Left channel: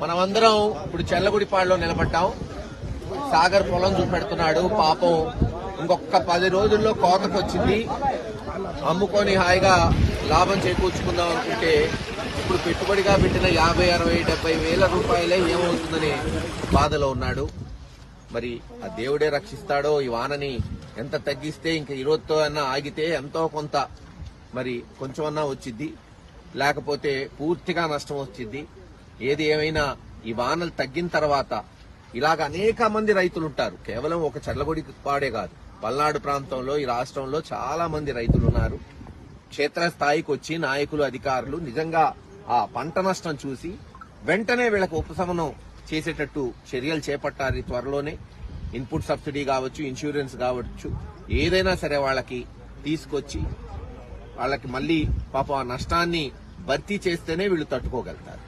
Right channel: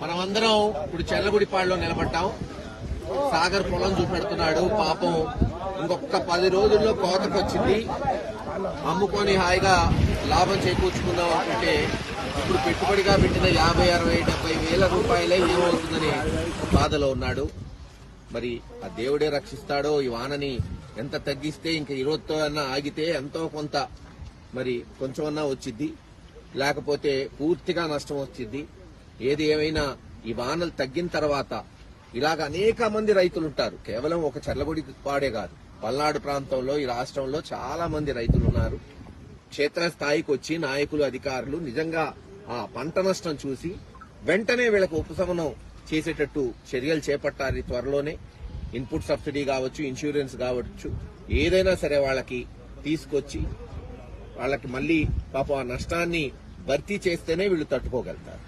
మనమందరం ఇప్పుడు చెల్లగుడిపాడులో నిలబడ్డాం. సాగర్ పొలం చూపెడుతున్నాడు. పాపం ఇంకొక 10 రోజుల్లో కోతకు వచ్చింది. అమ్ముకొని హాయిగా లాభం చేకూర్చుకుందాం అనుకుంటే ఇప్పుడు పెట్టుబడిగా పెట్టిన 50, 60, 70 వేల రూపాయలే ఏమవుతుందని బాధలో ఉన్నాడు. మరి ఆ దేవుడే రక్షిస్తాడో. ఈ వానని ఎంత తగ్గిస్తే ఇంక 20తో అన్నా ఆగితే ఎంతో కొంత మరి కొంచెమన్నా వచ్చిద్ది, లేకపోతే పూర్తిగా నష్టం వచ్చిద్ది. ఏది ఏమైనా ఈ వానలు తగ్గిన తర్వాత ఇలాగ అనేక మంది రైతులు ఉంటారు. కేవలం ఒక చర్లగుడిపాడే కాదు, పల్నాడు ప్రాంతంలో ఈ రాష్ట్రంలో చాలా మంది రైతులు ఉన్నారు. క్షేత్రస్థాయికి వచ్చి నాయకులు, అధికారులు నిజంగా ఆ పంట నష్టం చూసి వెంటనే వీళ్ళకు ఉపశమనం చేసేటట్టు చర్యలు చేపట్టాలి. త్వరలోనే ఇన్పుట్ సబ్సిడీ కావచ్చు, ఇన్సూరెన్స్ కావచ్చు, ఏదైనా సరే వాళ్ళకి తీసుకొచ్చి వాళ్ళకి మళ్లీ పాపం ఆ నష్టాన్ని భర్తీ చేస్తేనే వీళ్ళు తట్టుకోగలుగుతారు.